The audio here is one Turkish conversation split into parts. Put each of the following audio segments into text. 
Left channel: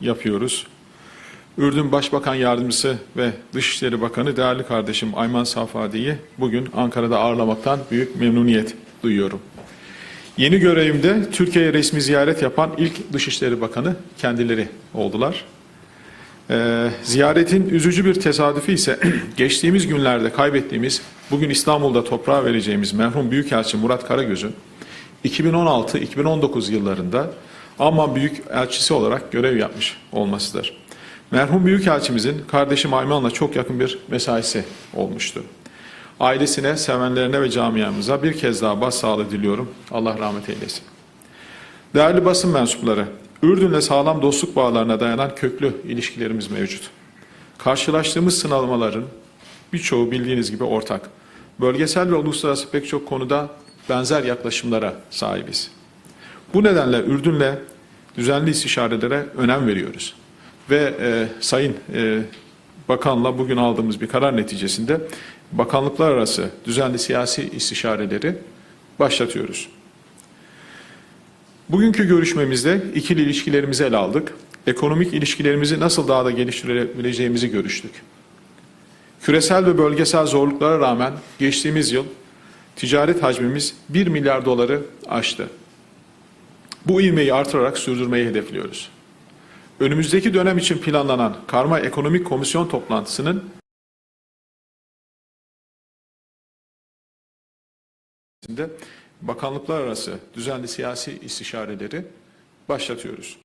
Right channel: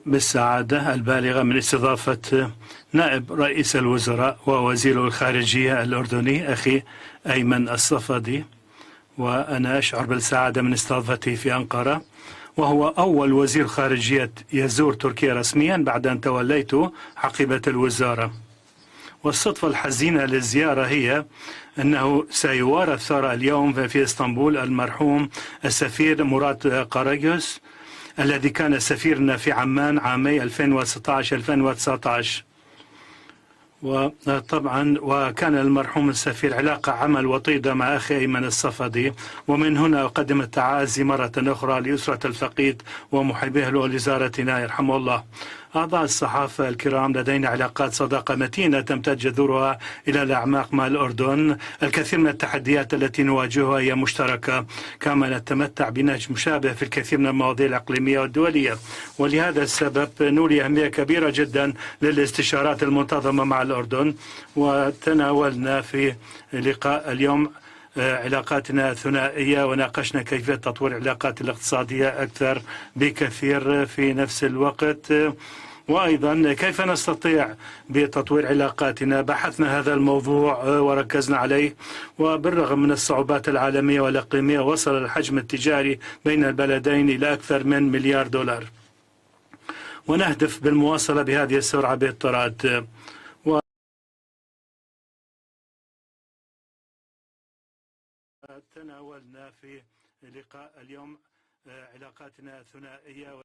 yapıyoruz. Ürdün Başbakan Yardımcısı ve Dışişleri Bakanı değerli kardeşim Erman bugün Ankara'da ağırlamaktan büyük memnuniyet duyuyorum. Yeni görevimde Türkiye'ye resmi ziyaret yapan ilk Dışişleri Bakanı kendileri oldular. Ee, ziyaretin üzücü bir tesadüfi ise geçtiğimiz günlerde kaybettiğimiz, bugün İstanbul'da toprağa vereceğimiz merhum Büyükelçi Murat Karagöz'ün 2016-2019 yıllarında ama büyük elçisi olarak görev yapmış olmasıdır. Merhum Büyükelçimizin kardeşim Ayman'la çok yakın bir mesaisi olmuştur. Ailesine, sevenlerine ve camiamıza bir kez daha başsağlığı diliyorum. Allah rahmet eylesin. Değerli basın mensupları, Ürdün'le sağlam dostluk bağlarına dayanan köklü ilişkilerimiz mevcut. Karşılaştığımız sınavmaların birçoğu bildiğiniz gibi ortak. Bölgesel ve uluslararası birçok konuda benzer yaklaşımlara sahibiz. Bu nedenle Ürdün'le düzenli istişarelere önem veriyoruz. Ve e, Sayın e, Bakanla bugün aldığımız bir karar neticesinde bakanlıklar arası düzenli siyasi istişareleri başlatıyoruz. Bugünkü görüşmemizde ikili ilişkilerimizi ele aldık. Ekonomik ilişkilerimizi nasıl daha da geliştirebileceğimizi görüştük. Küresel ve bölgesel zorluklara rağmen geçtiğimiz yıl ticaret hacmimiz 1 milyar doları aştı. Bu ivmeyi artırmak olarak sürdürmeyi hedefliyoruz. Önümüzdeki dönem için planlanan Karma Ekonomik Komisyon toplantısının bakanlıklar arası düzenli siyasi istişareleri başlatıyoruz.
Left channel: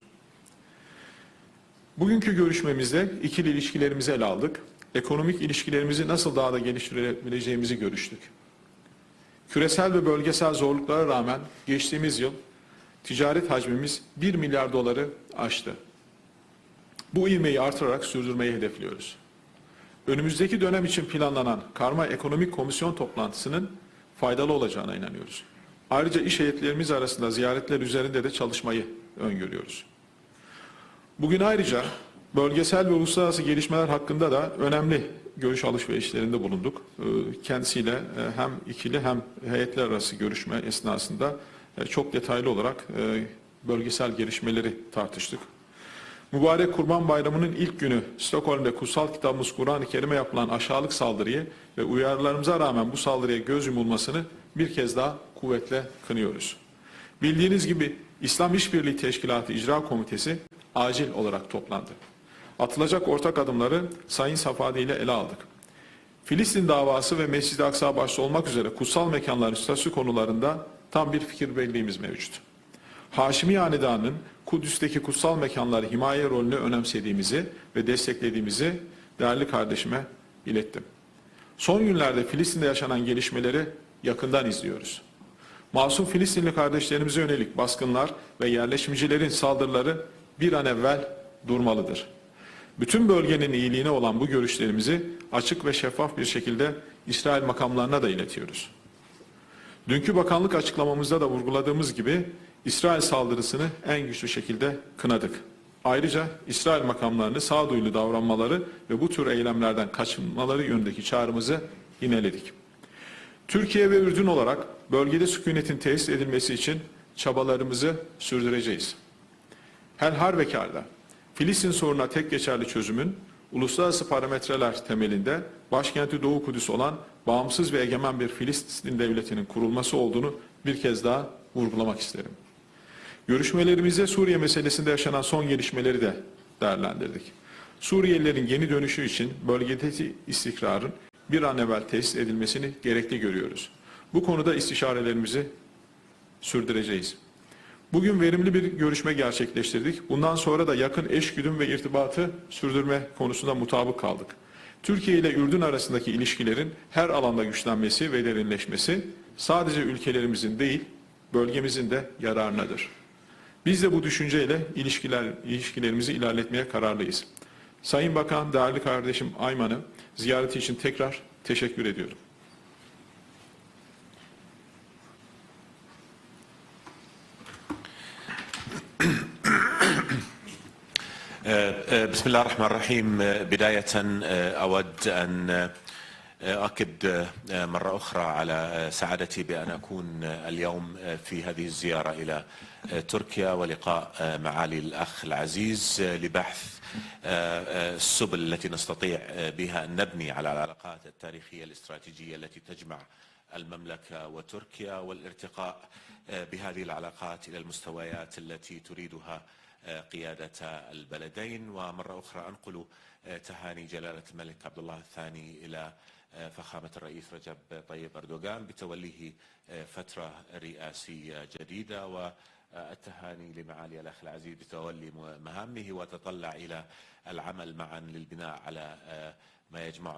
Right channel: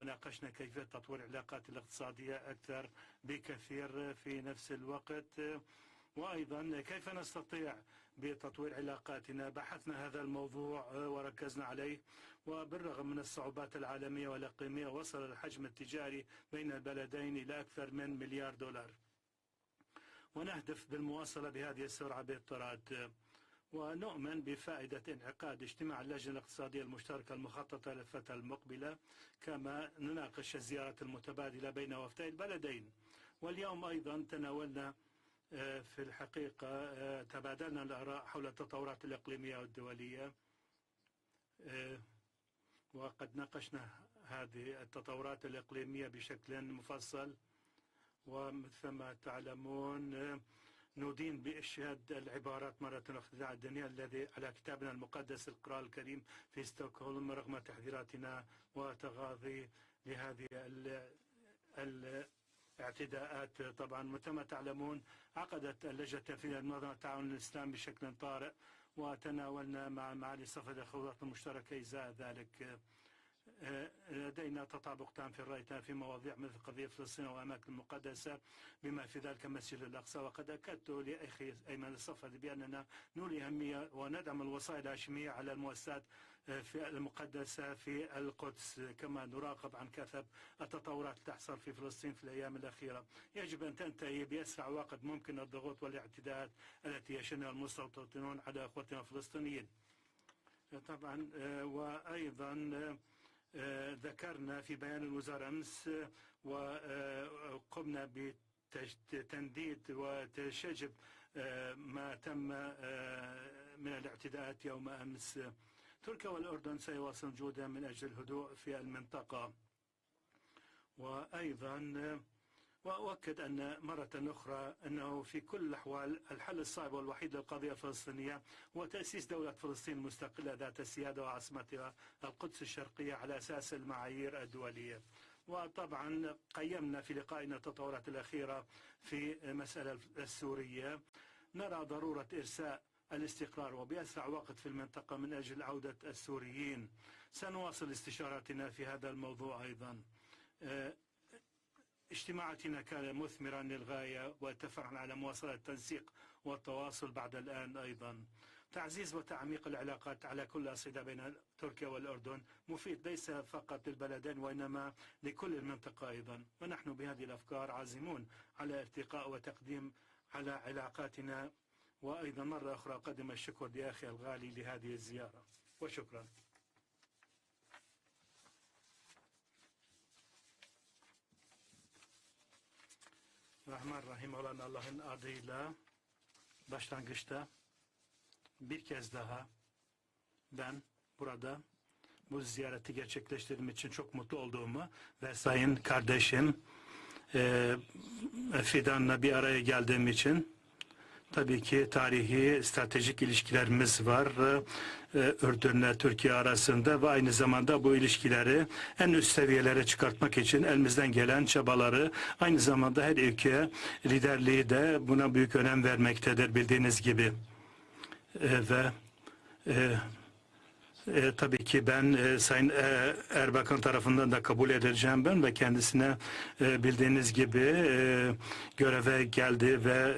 Bugünkü görüşmemizde ikili ilişkilerimizi ele aldık. Ekonomik ilişkilerimizi nasıl daha da geliştirebileceğimizi görüştük. Küresel ve bölgesel zorluklara rağmen geçtiğimiz yıl ticaret hacmimiz 1 milyar doları aştı. Bu ivmeyi artırarak sürdürmeyi hedefliyoruz. Önümüzdeki dönem için planlanan Karma Ekonomik Komisyon toplantısının faydalı olacağına inanıyoruz. Ayrıca iş heyetlerimiz arasında ziyaretler üzerinde de çalışmayı öngörüyoruz. Bugün ayrıca bölgesel ve uluslararası gelişmeler hakkında da önemli görüş alışverişlerinde bulunduk. Ee, Kendisiyle e, hem ikili hem heyetler arası görüşme esnasında çok detaylı olarak e, bölgesel gelişmeleri tartıştık. Mübarek Kurban Bayramı'nın ilk günü Stockholm'de kutsal kitabımız Kur'an-ı Kerim'e yapılan aşağılık saldırıyı ve uyarılarımıza rağmen bu saldırıya göz yumulmasını bir kez daha kuvvetle kınıyoruz. Bildiğiniz gibi İslam İşbirliği Teşkilatı İcra Komitesi acil olarak toplandı. Atılacak ortak adımları Sayın Safadi ile ele aldık. Filistin davası ve Mescid-i Aksa başta olmak üzere kutsal mekanların statüsü konularında tam bir fikir birliğimiz mevcut. Haşimi Hanedanı'nın Kudüs'teki kutsal mekanları himaye rolünü önemsediğimizi ve desteklediğimizi değerli kardeşime ilettim. Son günlerde Filistin'de yaşanan gelişmeleri yakından izliyoruz. Masum Filistinli kardeşlerimize yönelik baskınlar ve yerleşimcilerin saldırıları bir an evvel durmalıdır. Bütün bölgenin iyiliğine olan bu görüşlerimizi açık ve şeffaf bir şekilde İsrail makamlarına da iletiyoruz. Dünkü bakanlık açıklamamızda da vurguladığımız gibi İsrail saldırısını en güçlü şekilde kınadık. Ayrıca İsrail makamlarını sağduyulu davranmaları ve bu tür eylemlerden kaçınmaları yönündeki çağrımızı yineledik. Türkiye ve Ürdün olarak bölgede sükunetin tesis edilmesi için çabalarımızı sürdüreceğiz. Her halükarda Filistin sorununa tek geçerli çözümün uluslararası parametreler temelinde başkenti Doğu Kudüs olan bağımsız ve egemen bir Filistin devletinin kurulması olduğunu bir kez daha vurgulamak isterim. Görüşmelerimizde Suriye meselesinde yaşanan son gelişmeleri de değerlendirdik. Suriyelilerin yeni dönüşü için bölgedeki istikrarın bir an evvel tesis edilmesini gerekli görüyoruz. Bu konuda istişarelerimizi sürdüreceğiz. Bugün verimli bir görüşme gerçekleştirdik. Bundan sonra da yakın eşgüdüm ve irtibatı sürdürme konusunda mutabık kaldık. Türkiye ile Ürdün arasındaki ilişkilerin her alanda güçlenmesi ve derinleşmesi sadece ülkelerimizin değil, bölgemizin de yararınadır. Biz de bu düşünceyle ilişkiler, ilişkilerimizi ilerletmeye kararlıyız. Sayın Bakan, değerli kardeşim Ayman'ı ziyareti için tekrar teşekkür ediyorum. بسم الله الرحمن الرحيم. بداية أود أن أؤكد مرة أخرى على سعادتي بأن أكون اليوم في هذه الزيارة إلى تركيا ولقاء معالي الأخ العزيز لبحث السبل التي نستطيع بها أن نبني على العلاقات Tabii التاريخية ki tarihi stratejik ilişkilerimiz var e, Ürdün'le Türkiye arasında ve aynı zamanda bu ilişkileri en üst seviyelere çıkartmak için elimizden gelen çabaları aynı zamanda her ülke liderliği de buna büyük önem vermektedir bildiğiniz gibi. ve e, tabii ki ben e, Sayın e, Erbakan tarafından da kabul edileceğim ben ve kendisine e, bildiğiniz gibi e, göreve geldi ve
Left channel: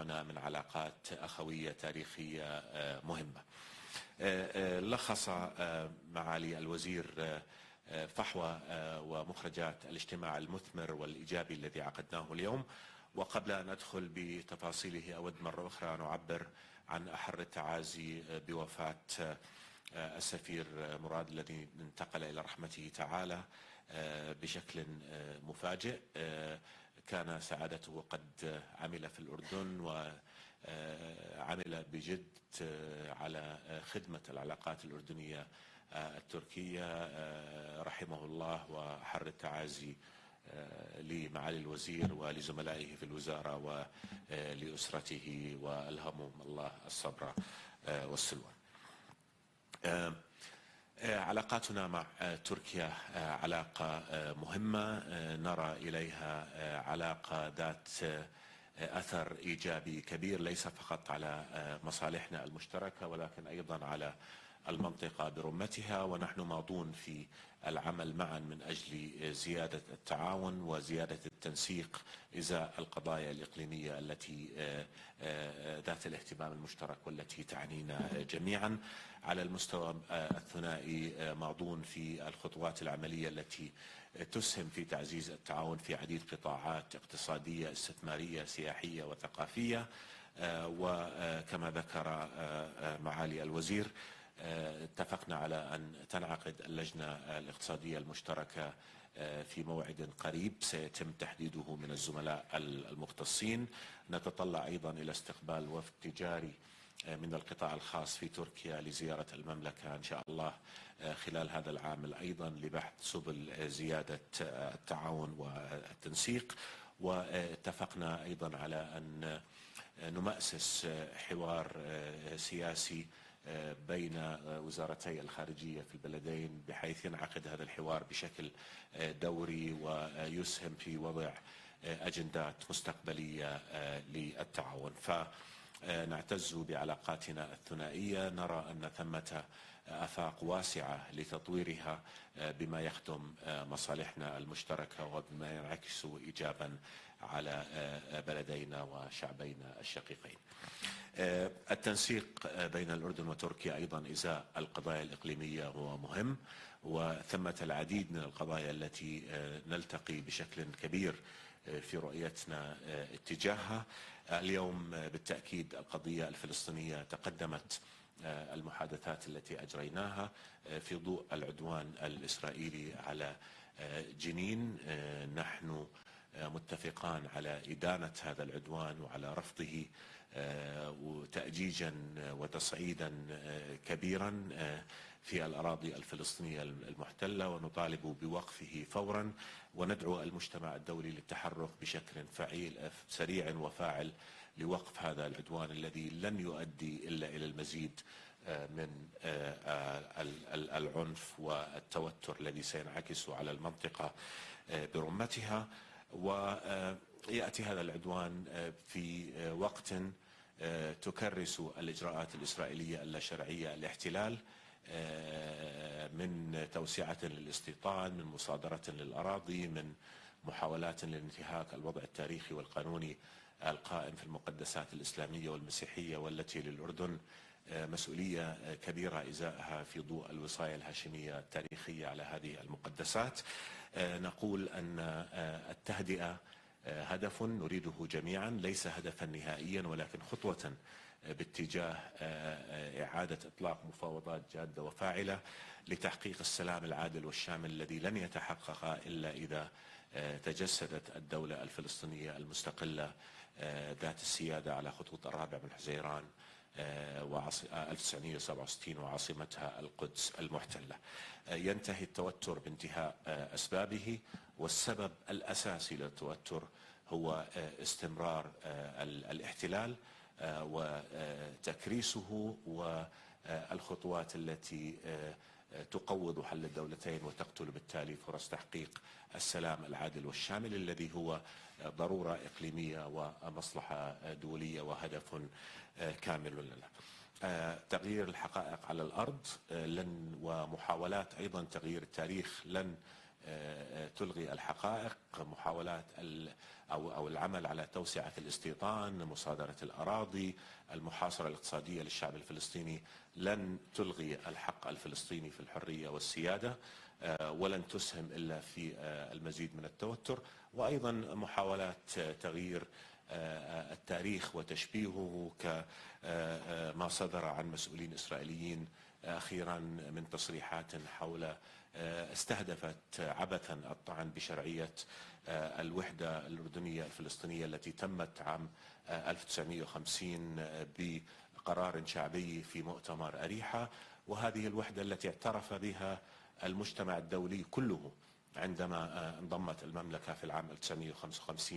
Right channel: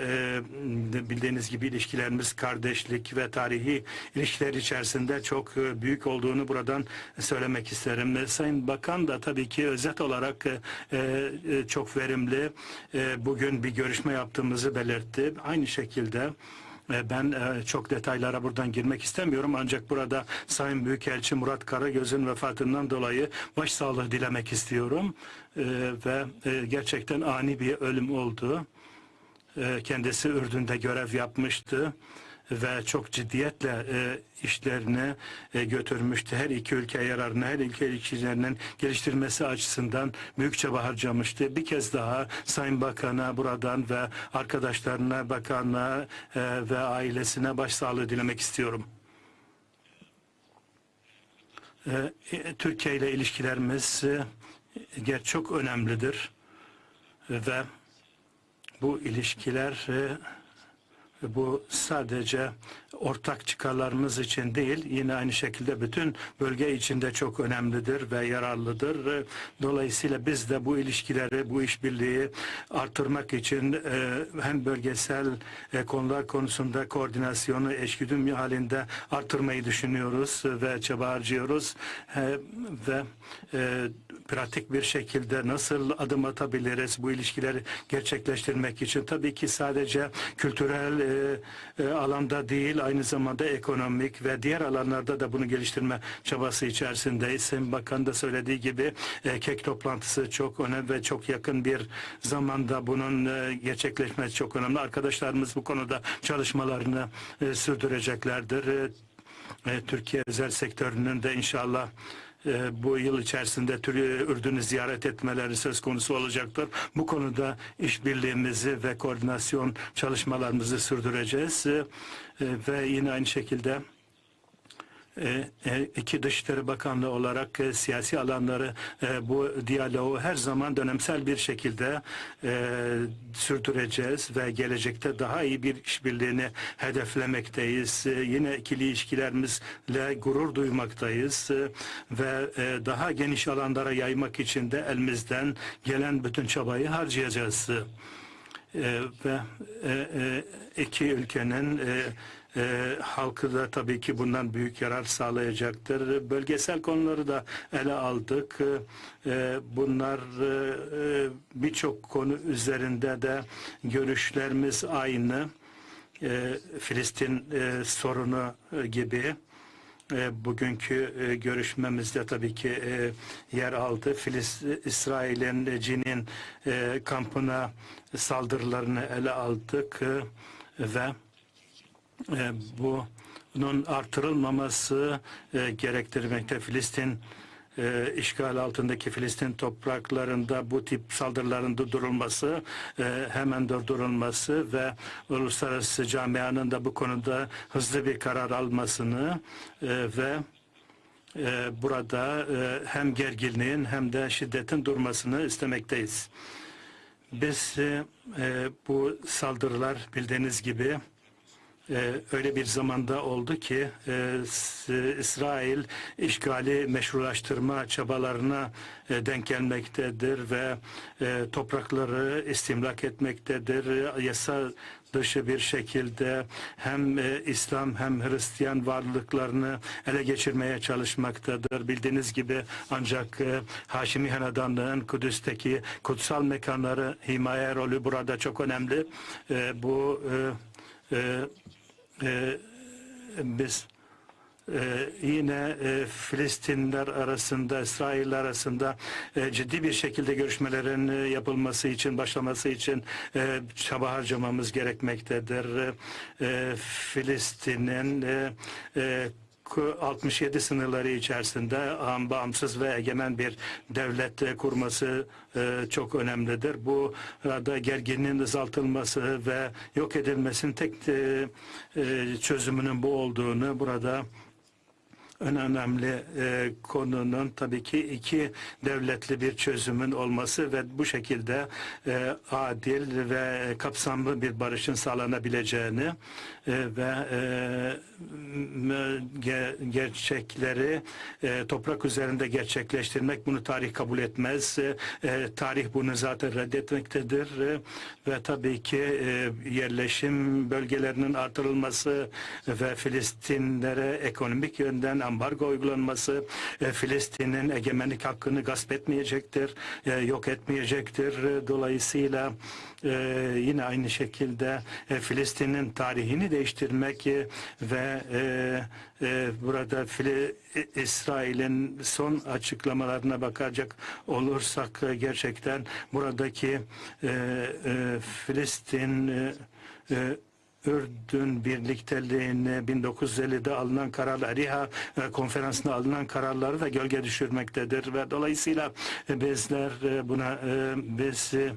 e, bildiğiniz gibi ilişkilerimiz kardeşlik ve tarihi ilişkiler içerisinde çok e, büyük olduğunu buradan söylemek isterim. E, Sayın Bakan da tabii ki özet olarak e, e, çok verimli e, bugün bir görüşme yaptığımızı belirtti. Aynı şekilde e, Ben e, çok detaylara buradan girmek istemiyorum ancak burada Sayın Büyükelçi Murat Karagöz'ün vefatından dolayı başsağlığı dilemek istiyorum. E, Ve e, gerçekten ani bir ölüm oldu. Kendisi Ürdün'de görev yapmıştı ve çok ciddiyetle e, işlerine e, götürmüştü. Her iki ülke yararına, her iki ilişkilerinin geliştirmesi açısından büyük çaba harcamıştı. Bir kez daha Sayın Bakan'a buradan ve arkadaşlarına, bakanına e, ve ailesine başsağlığı dilemek istiyorum. E, e, Türkiye ile ilişkilerimiz e, çok önemlidir ve bu ilişkiler e, bu sadece ortak çıkarlarımız için değil, yine aynı şekilde bütün bölge içinde çok önemlidir ve yararlıdır. E, Dolayısıyla biz de bu ilişkileri, bu işbirliği artırmak için e, hem bölgesel konular konusunda koordinasyonu eşgüdüm halinde artırmayı düşünüyoruz ve çaba harcıyoruz. Ve pratik bir şekilde nasıl adım atabiliriz bu ilişkileri gerçekleştirmek için? Tabii ki sadece kültürel e, e, alanda değil, aynı zamanda ekonomik ve diğer alanlarda da bunu geliştirme çabası içerisindeyiz. Sayın Bakan da söylediği gibi e, kek toplantısı çok önemli ve çok yakın bir zamanda bunun e, gerçekleşmesi çok önemli. Arkadaşlarımız bu konuda çalışmalarını e, sürdüreceklerdir. E, Türkiye özel sektörünün de inşallah e, bu yıl içerisinde Ürdün'ü ziyaret etmeleri söz konusu olacaktır. Bu konuda işbirliğimizi ve koordinasyon çalışmalarımızı sürdüreceğiz. E, e, Ve yine aynı şekilde iki Dışişleri Bakanlığı olarak e, siyasi alanları e, bu diyaloğu her zaman dönemsel bir şekilde e, sürdüreceğiz ve gelecekte daha iyi bir işbirliğini hedeflemekteyiz. E, yine ikili ilişkilerimizle gurur duymaktayız e, ve e, daha geniş alanlara yaymak için de elimizden gelen bütün çabayı harcayacağız. E, ve e, e, iki ülkenin e, halkı da tabii ki bundan büyük yarar sağlayacaktır. Bölgesel konuları da ele aldık. E, bunlar e, birçok konu üzerinde de görüşlerimiz aynı. E, Filistin e, sorunu e, gibi e, bugünkü e, görüşmemizde tabii ki e, yer aldı. Filiz, İsrail'in e, Cinin e, kampına saldırılarını ele aldık e, ve e, bunun artırılmaması e, gerektirmekte. Filistin e, işgal altındaki Filistin topraklarında bu tip saldırıların durdurulması, hemen durdurulması ve uluslararası camianın da bu konuda hızlı bir karar almasını ve burada hem gerginliğin hem de şiddetin durmasını istemekteyiz. Biz e, bu saldırılar bildiğiniz gibi e, öyle bir zamanda oldu ki e, İsrail işgali meşrulaştırma çabalarına e, denk gelmektedir ve e, toprakları istimlak etmektedir. Yasa dışı bir şekilde hem e, İslam hem Hristiyan varlıklarını ele geçirmeye çalışmaktadır. Bildiğiniz gibi ancak e, Haşimi Hanedanlığı'nın Kudüs'teki kutsal mekanları himaye rolü burada çok önemli. E, bu e, e, e, biz e, yine e, Filistinler arasında, İsrail arasında e, ciddi bir şekilde görüşmelerin e, yapılması için, başlaması için e, çaba harcamamız gerekmektedir. E, Filistin'in e, e, ku- 67 sınırları içerisinde bağımsız ve egemen bir devlet e, kurması e, çok önemlidir. Bu arada gerginliğin azaltılması ve yok edilmesinin tek e, e, çözümünün bu olduğunu burada en önemli e, konunun tabii ki iki devletli bir çözümün olması ve bu şekilde e, adil ve kapsamlı bir barışın sağlanabileceğini e, ve e, gerçekleri e, toprak üzerinde gerçekleştirmek bunu tarih kabul etmez. E, tarih bunu zaten reddetmektedir E, ve tabii ki e, yerleşim bölgelerinin artırılması ve Filistinlere ekonomik yönden ambargo uygulanması e, Filistin'in egemenlik hakkını gasp etmeyecektir, e, yok etmeyecektir. E, Dolayısıyla yine aynı şekilde Filistin'in tarihini değiştirmek ve burada İsrail'in son açıklamalarına bakacak olursak gerçekten buradaki Filistin Ürdün birlikteliğini 1950'de alınan kararlar, Riha e, konferansında alınan kararları da gölge düşürmektedir ve dolayısıyla bizler e, buna e, biz e,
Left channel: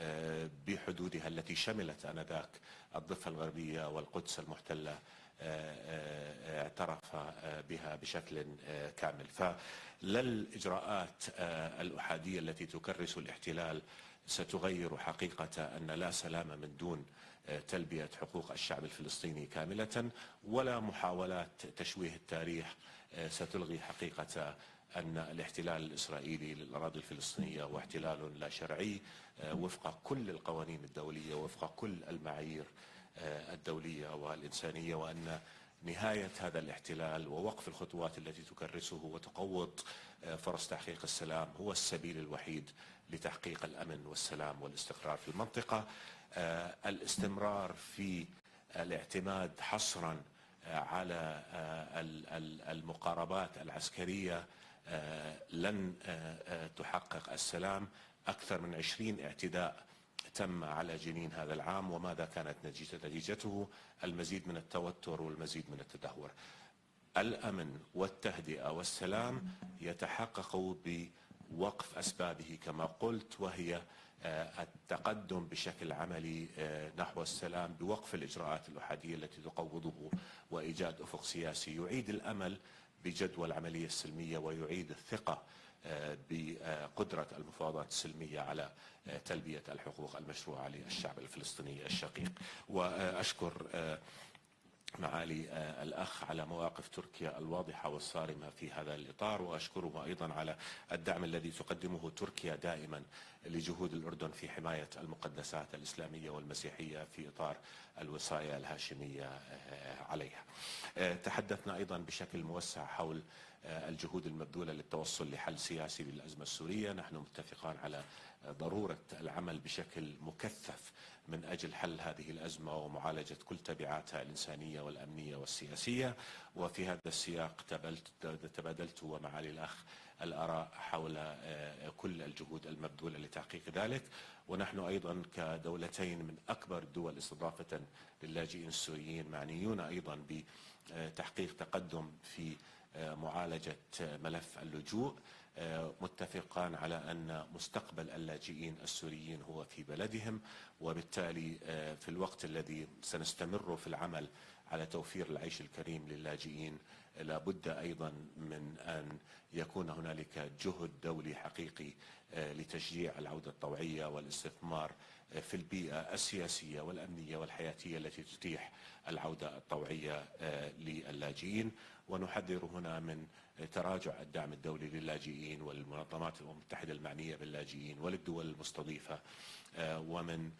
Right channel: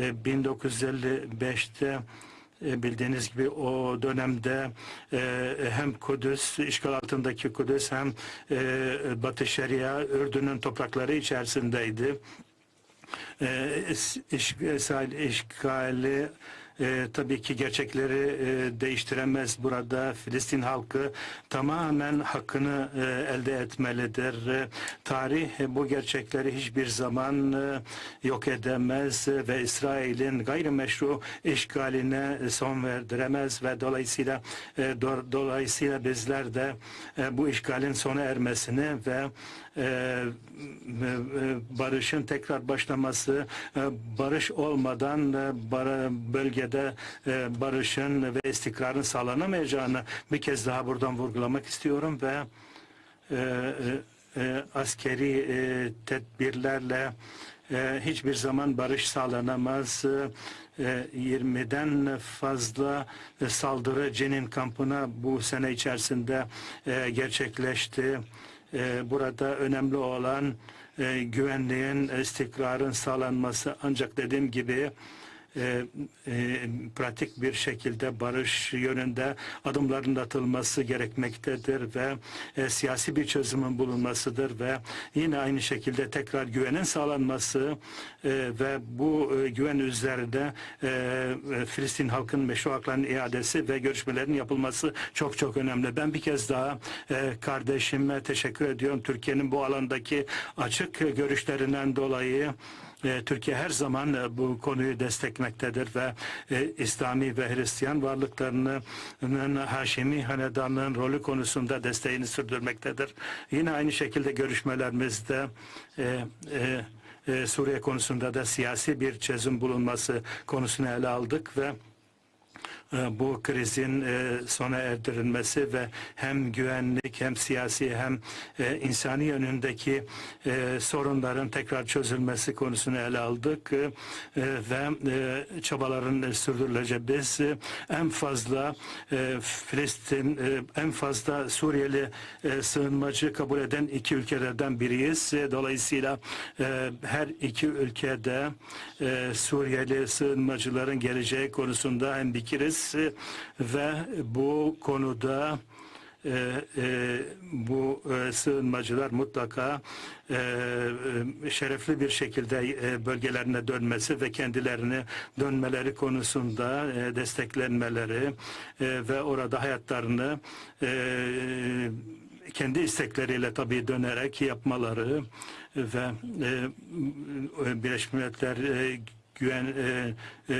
e, 1955'te e, bildiğiniz gibi o dönemde hem Kudüs, işgal altındaki Kudüs hem Batı Şeria, Ürdün'ün toprakları içerisindeydi. İs- iş- İsrail işgali e, tabii ki gerçekleri e, değiştiremez. Burada Filistin halkı tamamen hakkını e, elde etmelidir. E, tarih e, bu gerçekleri hiçbir zaman e, yok edemez e, ve İsrail'in gayrimeşru işgaline e, son verdiremez ve dolayısıyla e, do- dolayısıyla bizler de e, bu işgalin sona ermesini ve e, e, barışın tekrar başlaması e, barış olmadan e, bara- bölgede e, barışın ve istikrarın sağlanamayacağını bir kez daha buradan vurgulamak istiyorum ve e, e, e, askeri e, tedbirlerle e, hiçbir zaman barış sağlanamaz. E, 20'den fazla e, saldırı Cenin kampına bu sene içerisinde e, gerçekleşti. E, burada önemli olan e, güvenliğin, istikrarın sağlanması. Ancak dediğim gibi e, e, pratik bir şekilde barış yönünde adımların atılması gerekmektedir ve e, siyasi bir çözümün bulunmasıdır ve yine aynı şekilde tekrar güvenin sağlanması e, ve bu e, güven üzerinde e, e, Filistin halkının meşru haklarının iadesi ve görüşmelerin yapılması çok çok önemli. Ben bir kez daha e, kardeşime teşekkür ediyorum. Türkiye'nin bu alandaki açık görüşlerinden dolayı Türkiye her zaman e, bu konuyu desteklemektedir ve e, İslami ve Hristiyan varlıklarının Haşimi Hanedanlığın rolü konusunda desteğini sürdürmektedir. Yine aynı şekilde görüşmelerimizde e, e, e, Suriye konusunda da siyasi bir çözüm bulunması konusunu ele aldık ve e, bu krizin e, sona erdirilmesi ve hem güvenlik hem siyasi hem e, insani yönündeki e, sorunların tekrar çözülmesi konusunu ele aldık ve çabaların sürdürüleceği. Biz e, en fazla Filistin, en fazla Suriyeli sığınmacı kabul eden iki ülkelerden biriyiz. Dolayısıyla her iki ülkede Suriyeli sığınmacıların geleceği konusunda hemfikiriz E, ve bu konuda e, e, bu e, sığınmacılar mutlaka e, e, şerefli bir şekilde e, bölgelerine dönmesi ve kendilerini dönmeleri konusunda e, desteklenmeleri e, ve orada hayatlarını e, kendi istekleriyle tabii dönerek yapmaları ve e, Birleşmiş Milletler e, güven e, e,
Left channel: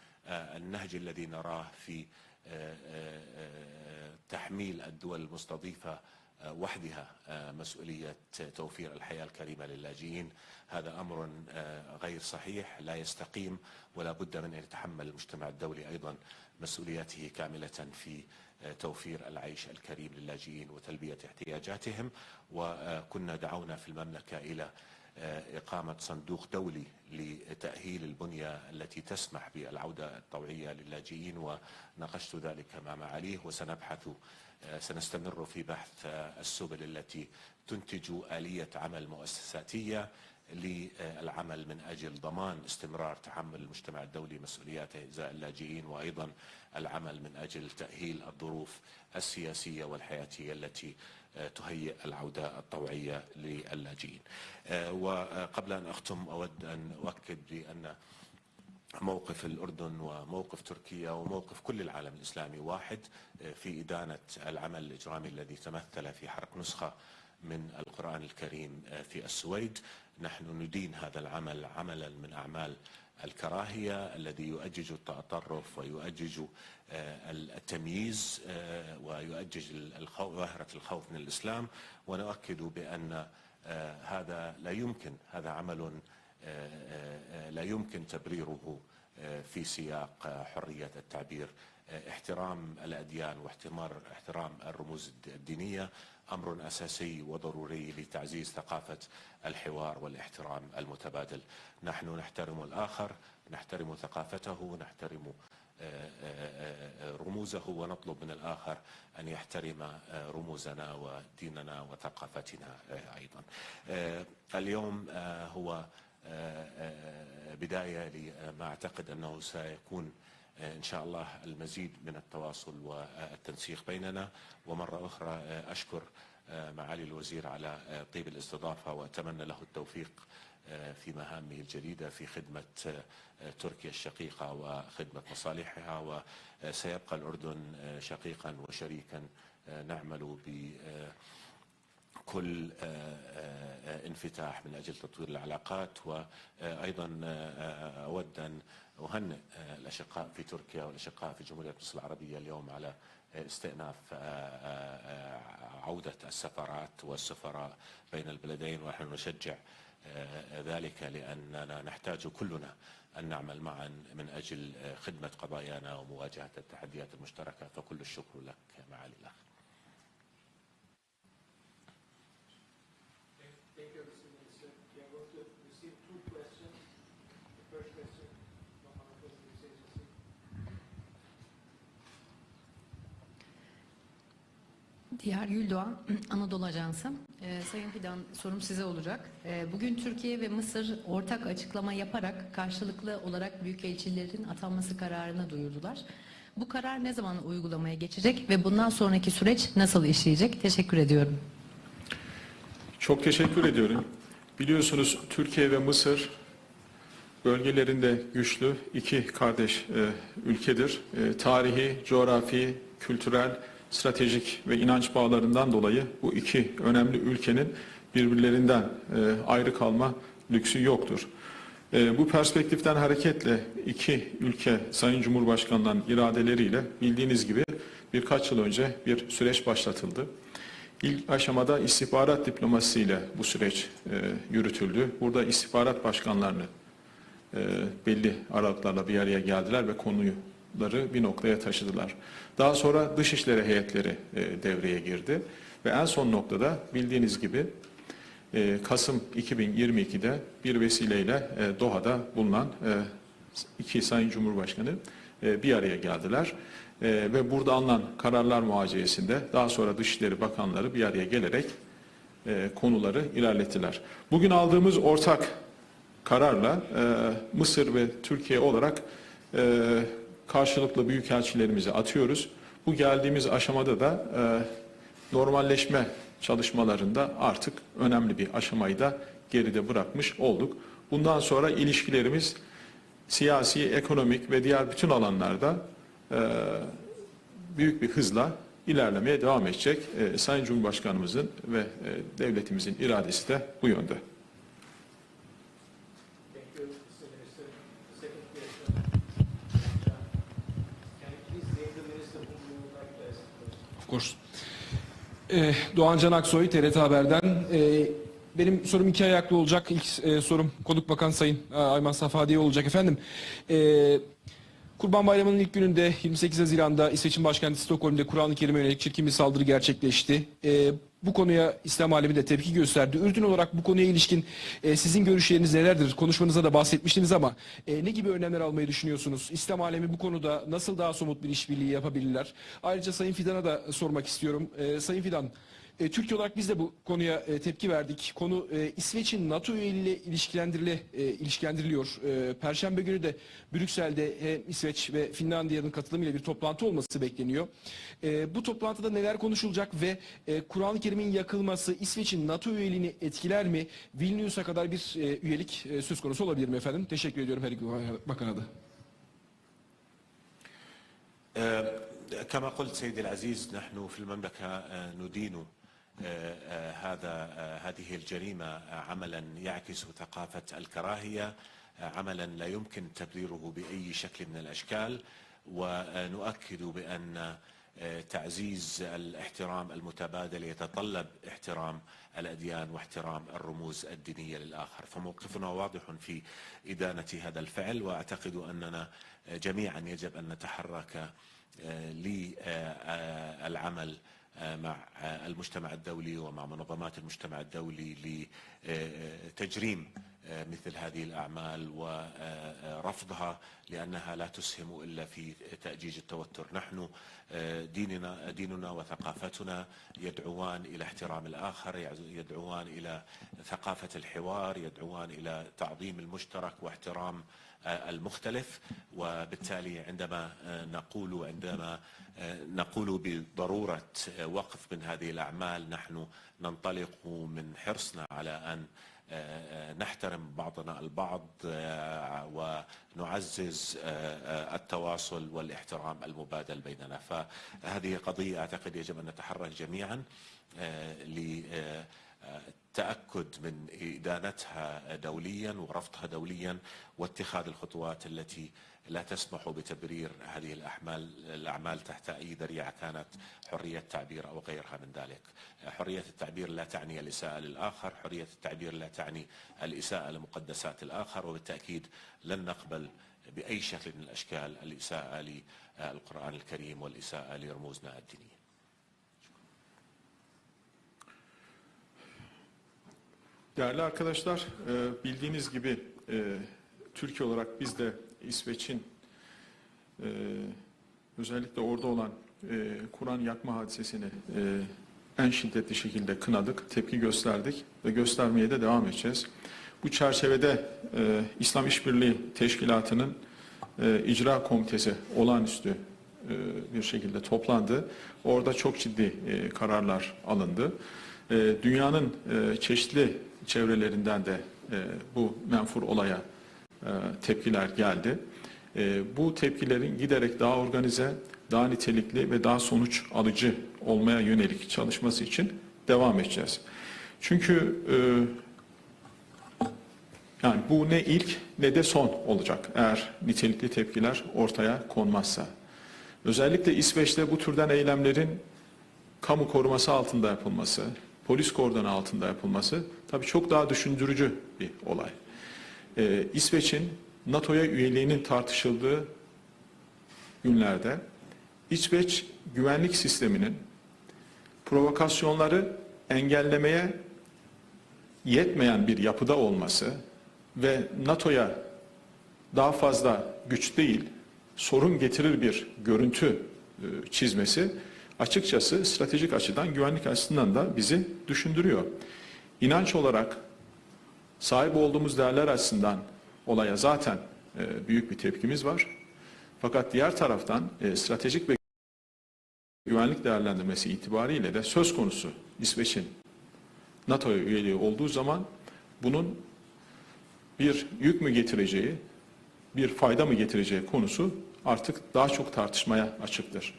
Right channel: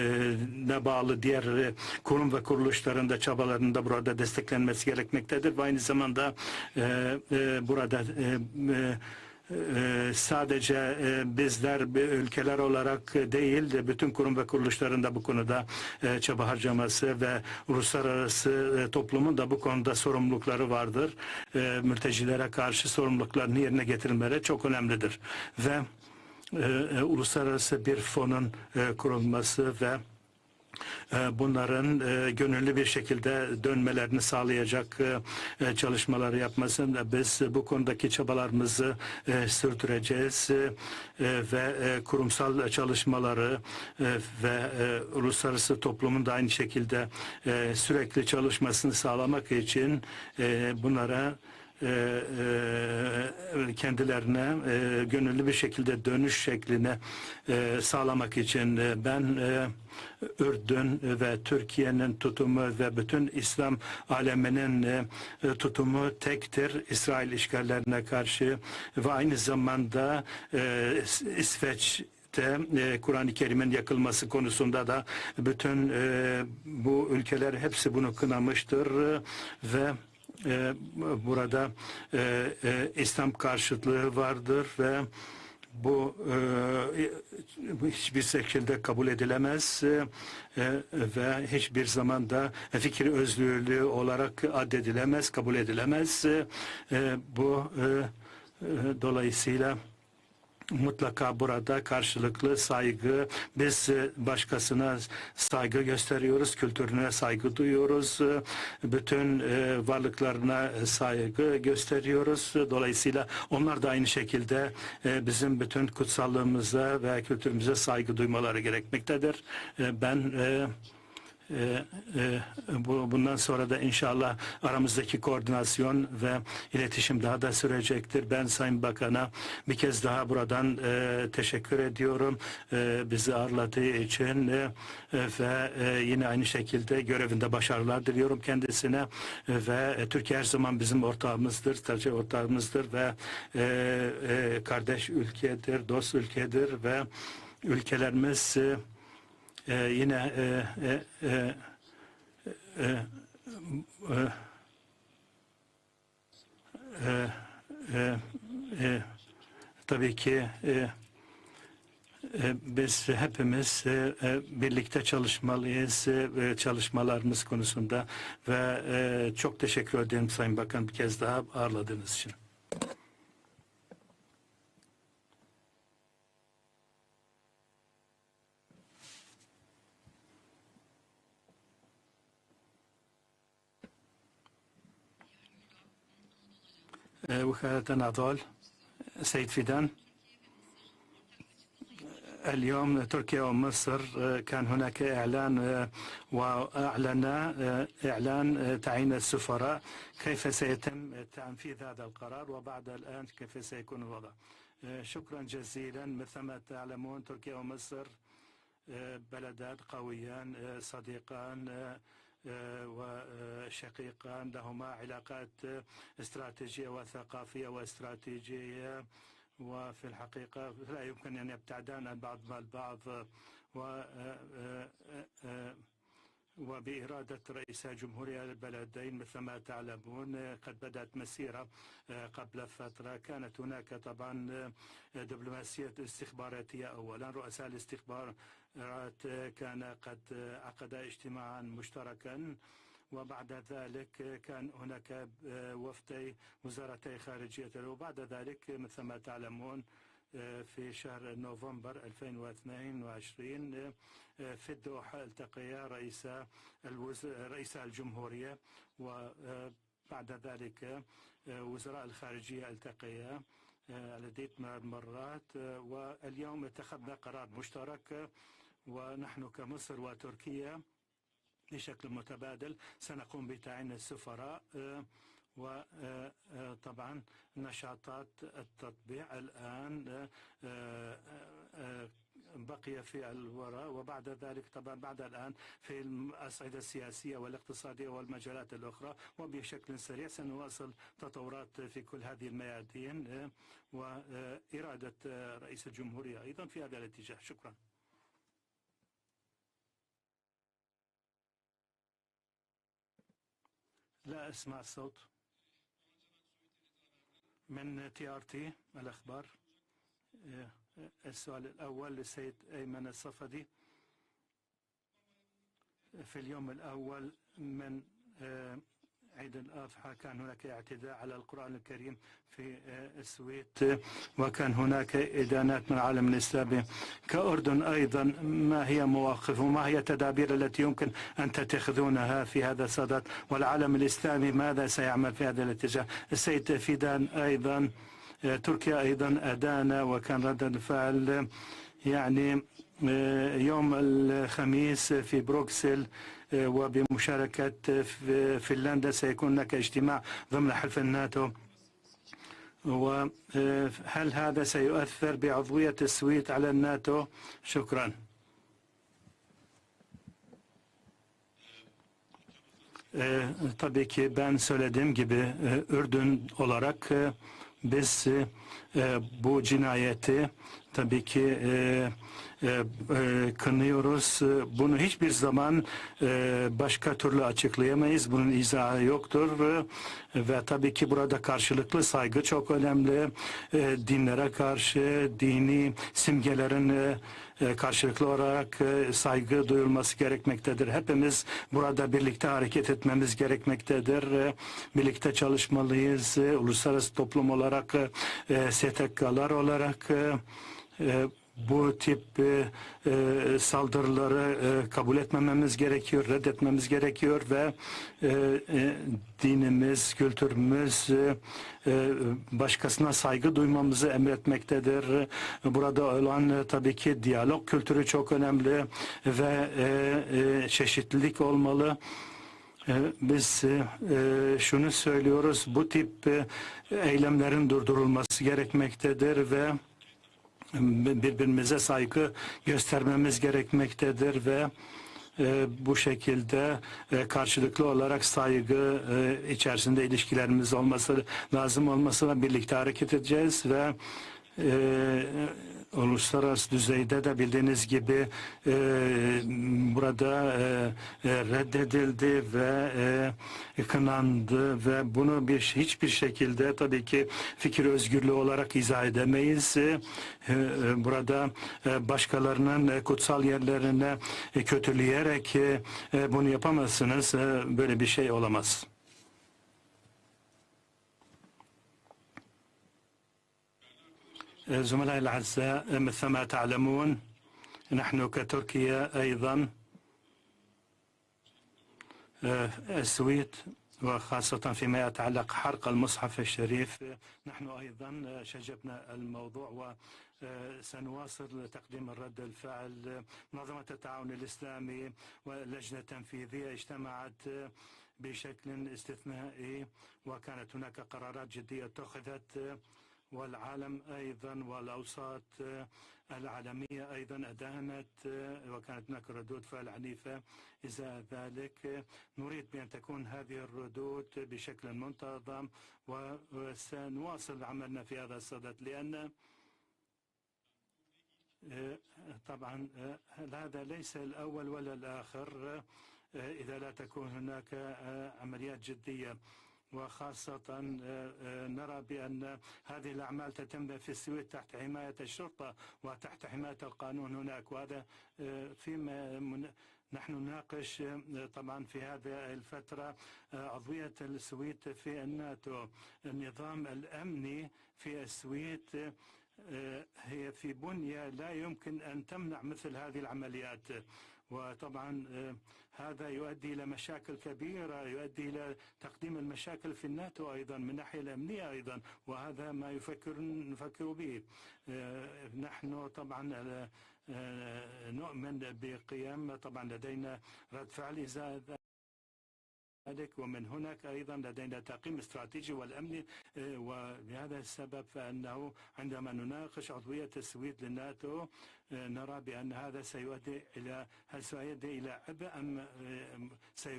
ne bağlı diğer e, kurum ve kuruluşların da çabalarında burada desteklenmesi gerekmektedir. Aynı zamanda burada sadece e, bizler ülkeler olarak değil de bütün kurum ve kuruluşların da bu konuda e, çaba harcaması ve uluslararası e, toplumun da bu konuda sorumlulukları vardır. Mültecilere karşı sorumluluklarını yerine getirmeleri çok önemlidir. Ve uluslararası bir fonun kurulması ve bunların e, gönüllü bir şekilde dönmelerini sağlayacak e, e, çalışmaları yapmasın. Biz bu konudaki çabalarımızı sürdüreceğiz ve kurumsal çalışmaları ve uluslararası toplumun da aynı şekilde sürekli çalışmasını sağlamak için bunlara kendilerine gönüllü bir şekilde dönüş şeklini sağlamak için ben Ürdün ve Türkiye'nin tutumu ve bütün İslam aleminin e, tutumu tektir İsrail işgallerine karşı ve aynı zamanda e, İsveç e, Kur'an-ı Kerim'in yakılması konusunda da bütün e, bu ülkeler hepsi bunu kınamıştır ve e, burada e, e, İslam karşıtlığı vardır ve bu e, hiçbir şekilde kabul edilemez e, ve hiçbir zaman da fikir özgürlüğü olarak addedilemez, kabul edilemez. E, bu e, e, dolayısıyla mutlaka burada karşılıklı saygı, biz e, başkasına saygı gösteriyoruz, kültürüne saygı duyuyoruz, e, bütün e, varlıklarına saygı gösteriyoruz. Dolayısıyla onlar da aynı şekilde e, bizim bütün kutsallığımıza ve kültürümüze saygı duymaları gerekmektedir. E, Ben e, e, e, bu bundan sonra da inşallah aramızdaki koordinasyon ve iletişim daha da sürecektir. Ben Sayın Bakan'a bir kez daha buradan e, teşekkür ediyorum. E, bizi ağırladığı için e, ve e, yine aynı şekilde görevinde başarılar diliyorum kendisine. E, ve e, Türkiye her zaman bizim ortağımızdır, tercih ortağımızdır ve e, e, kardeş ülkedir, dost ülkedir ve ülkelerimiz e, e, yine e, e, e, استئناف عودة السفارات والسفراء بين البلدين نحن نشجع tabii ki e, ذلك لأننا نحتاج e, كلنا biz hepimiz e, e, birlikte çalışmalıyız e, çalışmalarımız konusunda ve e, çok teşekkür ederim Sayın Bakan bir kez daha ağırladığınız için. Diğer Güldoğan, Anadolu Ajansı. Ee, Ee, Vukalet Sayın Fidan, Anadolu. Sorum size olacak. Seyit Ee, Fidan. Bugün Türkiye ve Mısır ortak açıklama yaparak اليوم karşılıklı تركيا olarak ومصر mültecilerin كان atanması هناك kararını إعلان duyurdular. Bu karar ne zaman وأعلن uygulamaya geçecek إعلان ve bundan تعيين sonraki süreç السفراء. nasıl işleyecek? كيف Teşekkür سيتم ediyorum. تنفيذ هذا القرار وبعد Çok teşekkür ediyorum. Biliyorsunuz Türkiye ve Mısır bölgelerinde güçlü iki kardeş e, ülkedir. E, tarihi, coğrafi, kültürel, stratejik ve inanç bağlarından dolayı bu iki önemli ülkenin birbirlerinden e, ayrı kalma lüksü yoktur. E, bu perspektiften hareketle iki ülke Sayın Cumhurbaşkanı'ndan iradeleriyle bildiğiniz gibi birkaç yıl önce bir süreç başlatıldı. İlk aşamada istihbarat diplomasisiyle bu süreç e, yürütüldü. Burada istihbarat başkanlarını e, belli aralıklarla bir araya geldiler ve konuları bir noktaya taşıdılar. Daha sonra dışişleri heyetleri e, devreye girdi ve en son noktada bildiğiniz gibi e, Kasım 2022'de bir vesileyle e, Doha'da bulunan e, iki Sayın Cumhurbaşkanı e, bir araya geldiler. E, ve burada alınan kararlar muhaciyesinde daha sonra Dışişleri Bakanları bir araya gelerek e, konuları ilerlettiler. Bugün aldığımız ortak kararla e, Mısır ve Türkiye olarak e, karşılıklı büyükelçilerimizi atıyoruz. Bu geldiğimiz aşamada da e, normalleşme çalışmalarında artık önemli bir aşamayı da geride bırakmış olduk. Bundan sonra ilişkilerimiz siyasi, ekonomik ve diğer bütün alanlarda e, büyük bir hızla ilerlemeye devam edecek. E, Sayın Cumhurbaşkanımızın ve e, devletimizin iradesi de bu yönde. Course. Ee, Doğan Can Aksoy, TRT Haber'den. Ee, benim sorum iki ayaklı olacak. İlk e, sorum Konuk Bakan Sayın e, Ayman Safadi'ye olacak efendim. E, Kurban Bayramı'nın ilk gününde 28 Haziran'da İsveç'in başkenti Stockholm'de Kur'an-ı Kerim'e yönelik çirkin bir saldırı gerçekleşti. E, bu konuya İslam alemi de tepki gösterdi. Ürdün olarak bu konuya ilişkin e, sizin görüşleriniz nelerdir? Konuşmanızda da bahsetmiştiniz ama e, ne gibi önlemler almayı düşünüyorsunuz? İslam alemi bu konuda nasıl daha somut bir işbirliği yapabilirler? Ayrıca Sayın Fidan'a da sormak istiyorum. E, Sayın Fidan, e, Türkiye olarak biz de bu konuya e, tepki verdik. Konu e, İsveç'in NATO ile e, ilişkilendiriliyor. E, Perşembe günü de Brüksel'de hem İsveç ve Finlandiya'nın katılımıyla bir toplantı olması bekleniyor. E, bu toplantıda neler konuşulacak ve e, ülkenin yakılması İsveç'in NATO üyeliğini e, etkiler mi? Kadar bir Melik e, e, Söz konusu. Teşekkür ediyorum. Şükran. Bakın adı. Tabii ki ben söylediğim gibi Ürdün olarak biz e, bu cinayeti tabii ki e, e, e, kınıyoruz. Bunu hiçbir zaman e, başka türlü açıklayamayız. Bunun izahı yoktur. Ve tabii ki burada karşılıklı saygı çok önemli. E, Dinlere karşı, dini simgelerin e, e, karşılıklı olarak e, saygı duyulması gerekmektedir. Hepimiz burada birlikte hareket etmemiz gerekmektedir. Birlikte çalışmalıyız. Uluslararası toplum olarak, e, STK'lar olarak e, e, bu tip saldırıları kabul etmememiz gerekiyor, reddetmemiz gerekiyor ve dinimiz, kültürümüz başkasına saygı duymamızı emretmektedir. Burada olan tabii ki diyalog kültürü çok önemli ve çeşitlilik olmalı. E, Biz e, e, şunu söylüyoruz, bu tip e, eylemlerin durdurulması gerekmektedir ve birbirimize saygı göstermemiz gerekmektedir ve e, bu şekilde e, karşılıklı olarak saygı e, içerisinde ilişkilerimiz olması lazım olmasına birlikte hareket edeceğiz ve e, uluslararası düzeyde de bildiğiniz gibi e, burada e, e, reddedildi ve e, kınandı ve bunu bir hiçbir şekilde tabii ki fikir özgürlüğü olarak izah edemeyiz. E, e, burada e, başkalarının e, kutsal yerlerine e, kötüleyerek e, e, bunu yapamazsınız. E, Böyle bir şey olamaz. Değerli arkadaşlar, e, زملائي bildiğiniz الأعزاء gibi مثل ما e, تعلمون Türkiye olarak biz de نحن İsveç'in كتركيا أيضا e, özellikle orada olan e, Kur'an yakma hadisesini e, en şiddetli şekilde kınadık, tepki gösterdik ve göstermeye de devam edeceğiz. Bu çerçevede e, İslam İşbirliği Teşkilatı'nın e, icra komitesi olağanüstü e, bir şekilde toplandı. Orada çok ciddi e, kararlar alındı. E, dünyanın e, çeşitli çevrelerinden de e, bu menfur olaya e, tepkiler geldi. E, bu tepkilerin giderek daha organize, daha nitelikli ve daha sonuç alıcı olmaya yönelik çalışması için devam edeceğiz. Çünkü e, yani bu ne ilk ne de son olacak eğer nitelikli tepkiler ortaya konmazsa. Özellikle İsveç'te bu türden eylemlerin kamu koruması altında yapılması, polis kordonu altında yapılması tabii çok daha düşündürücü bir olay. Ee, İsveç'in NATO'ya üyeliğinin tartışıldığı günlerde İsveç güvenlik sisteminin provokasyonları engellemeye yetmeyen bir yapıda olması ve NATO'ya daha fazla güç değil, sorun getirir bir görüntü e, çizmesi açıkçası stratejik açıdan, güvenlik açısından da bizi düşündürüyor. İnanç olarak sahip olduğumuz değerler açısından olaya zaten e, büyük bir tepkimiz var. Fakat diğer taraftan e, stratejik ve güvenlik değerlendirmesi itibariyle de söz konusu İsveç'in NATO'ya üyeliği olduğu zaman bunun bir yük mü getireceği, bir fayda mı getireceği konusu artık daha çok tartışmaya açıktır.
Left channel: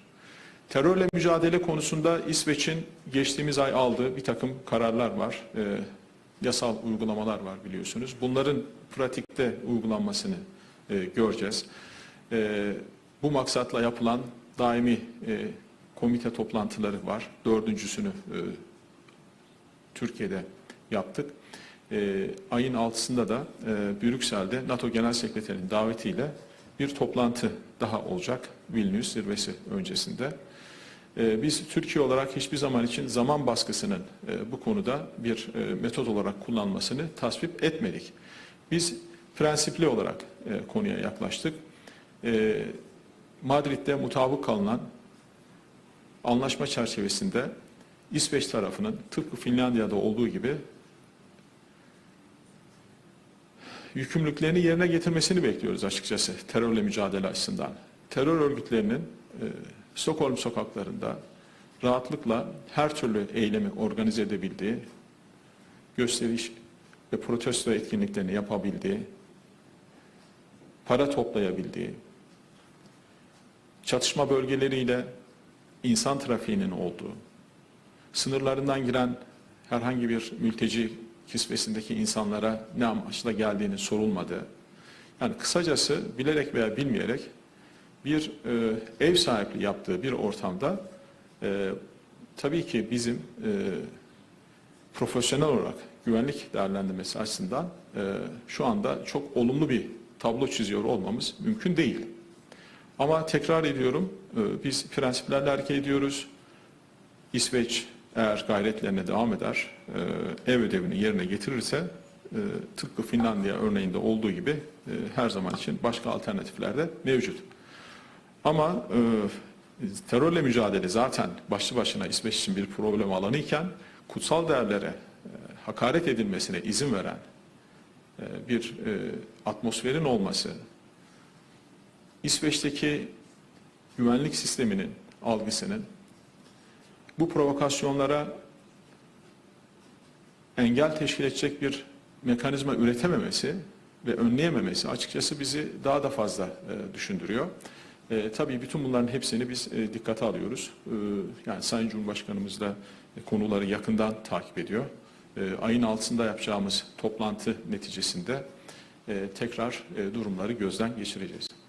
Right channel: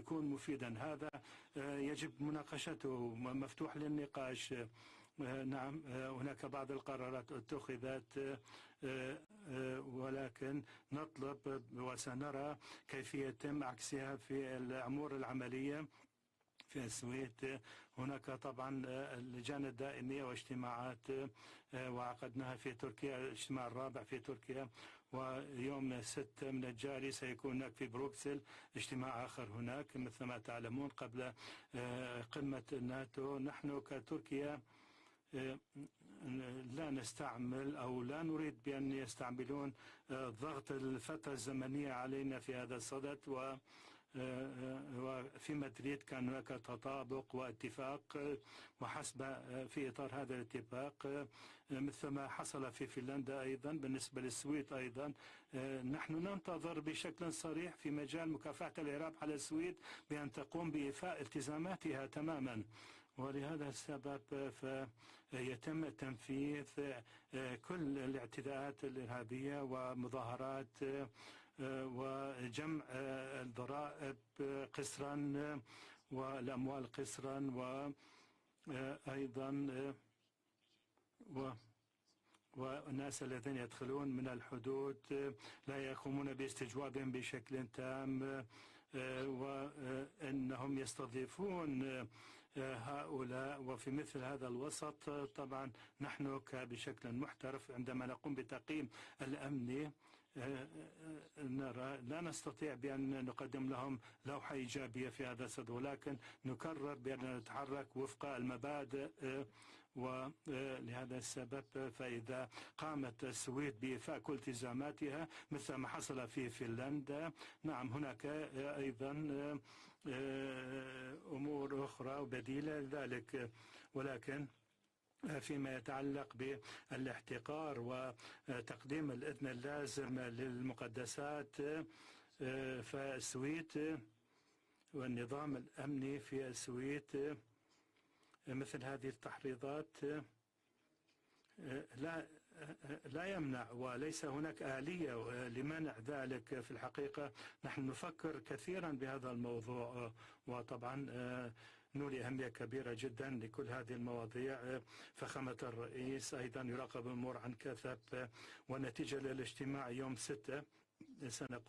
Terörle mücadele konusunda İsveç'in geçtiğimiz ay aldığı bir takım kararlar var. Ee, yasal uygulamalar var biliyorsunuz. Bunların pratikte uygulanmasını e, göreceğiz. Ee, bu maksatla yapılan daimi e, komite toplantıları var. Dördüncüsünü e, Türkiye'de yaptık. e, ayın 6'sında da e, Brüksel'de NATO Genel Sekreterinin davetiyle bir toplantı daha olacak Vilnius zirvesi öncesinde. E, biz Türkiye olarak hiçbir zaman için zaman baskısının e, bu konuda bir e, metot olarak kullanmasını tasvip etmedik. Biz prensipli olarak e, konuya yaklaştık. E, Madrid'de mutabık kalınan anlaşma çerçevesinde İsveç tarafının tıpkı Finlandiya'da olduğu gibi yükümlülüklerini yerine getirmesini bekliyoruz açıkçası terörle mücadele açısından. Terör örgütlerinin e, Stockholm sokaklarında rahatlıkla her türlü eylemi organize edebildiği, gösteriş ve protesto etkinliklerini yapabildiği, para toplayabildiği, çatışma bölgeleriyle insan trafiğinin olduğu, sınırlarından giren herhangi bir mülteci kisvesindeki insanlara ne amaçla geldiğini sorulmadığı, yani kısacası bilerek veya bilmeyerek bir e, ev sahipliği yaptığı bir ortamda e, tabii ki bizim e, profesyonel olarak güvenlik değerlendirmesi açısından e, şu anda çok olumlu bir tablo çiziyor olmamız mümkün değil. Ama tekrar ediyorum, e, biz prensiplerle hareket ediyoruz. İsveç eğer gayretlerine devam eder, e, ev ödevini yerine getirirse, e, tıpkı Finlandiya örneğinde olduğu gibi e, her zaman için başka alternatifler de mevcut. Ama e, terörle mücadele zaten başlı başına İsveç için bir problem alanı iken kutsal değerlere hakaret edilmesine izin veren e, bir e, atmosferin olması, İsveç'teki güvenlik sisteminin algısının bu provokasyonlara engel teşkil edecek bir mekanizma üretememesi ve önleyememesi açıkçası bizi daha da fazla e, düşündürüyor. E, tabii bütün bunların hepsini biz e, dikkate alıyoruz. E, yani Sayın Cumhurbaşkanımız da e, konuları yakından takip ediyor. E, ayın altında yapacağımız toplantı neticesinde e, tekrar e, durumları gözden geçireceğiz.